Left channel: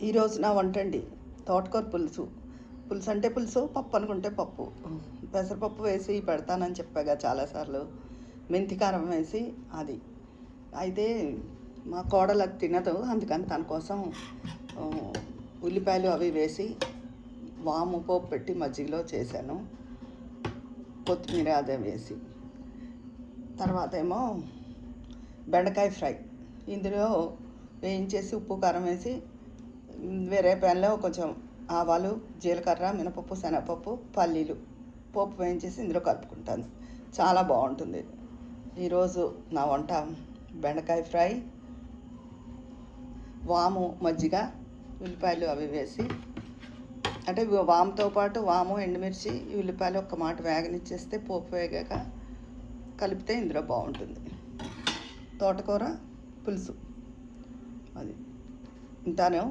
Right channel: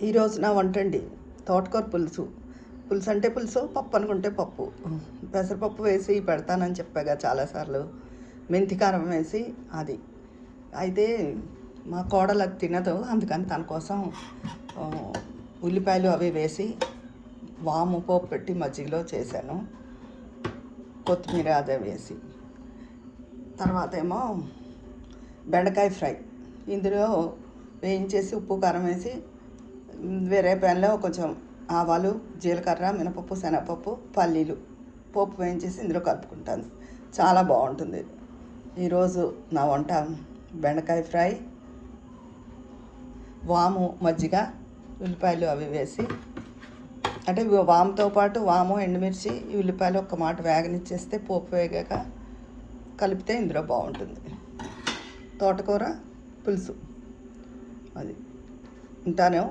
ఈరోజు నా వంట అండి తోటకూర పులుసు. పులుసు అంటే పులుసు, పప్పు అనుకుంటే పప్పు. పెసరపప్పు వేసి పెడతానని చెప్పాగా చాలాసార్లు. మెంతి కారం వేసి అది. అయితే మా కోడలు అది తినదు, అందుకని తన కోసం ఉల్లిపాయలు అవి వేసి వాము పోపు పెట్టి మజ్జిగలో చేశాను, కొత్తిమీర అదే వేసి. తర్వాత ఏమో బెండకాయ ఫ్రై. ఇందులో వేయించేసి ఉప్పు కారం వేసి వేరే ప్యాన్లో కొంచెం ఆవాలు, జీలకర్ర, మినపప్పు, శనగపప్పు, పల్లీలు పోపు వేయించేసి ఇందులో కలుపుకుంటాను. చాలా బాగుంటుంది. ఈరోజు నా వంట బెండకాయ ఫ్రై, వాము మజ్జిగ, ఉల్లిపాయలు అవి వేసి, అంటే వాముతో పాటు వాము, ఎండుమిర్చి, ఉల్లిపాయలు ఒక్క మాట వేగనిచ్చేస్తే పోపు వేగాక కలిపితే ఇందులో బాగుంటుంది. తోటకూర పులుసు అది. ఉంటాను.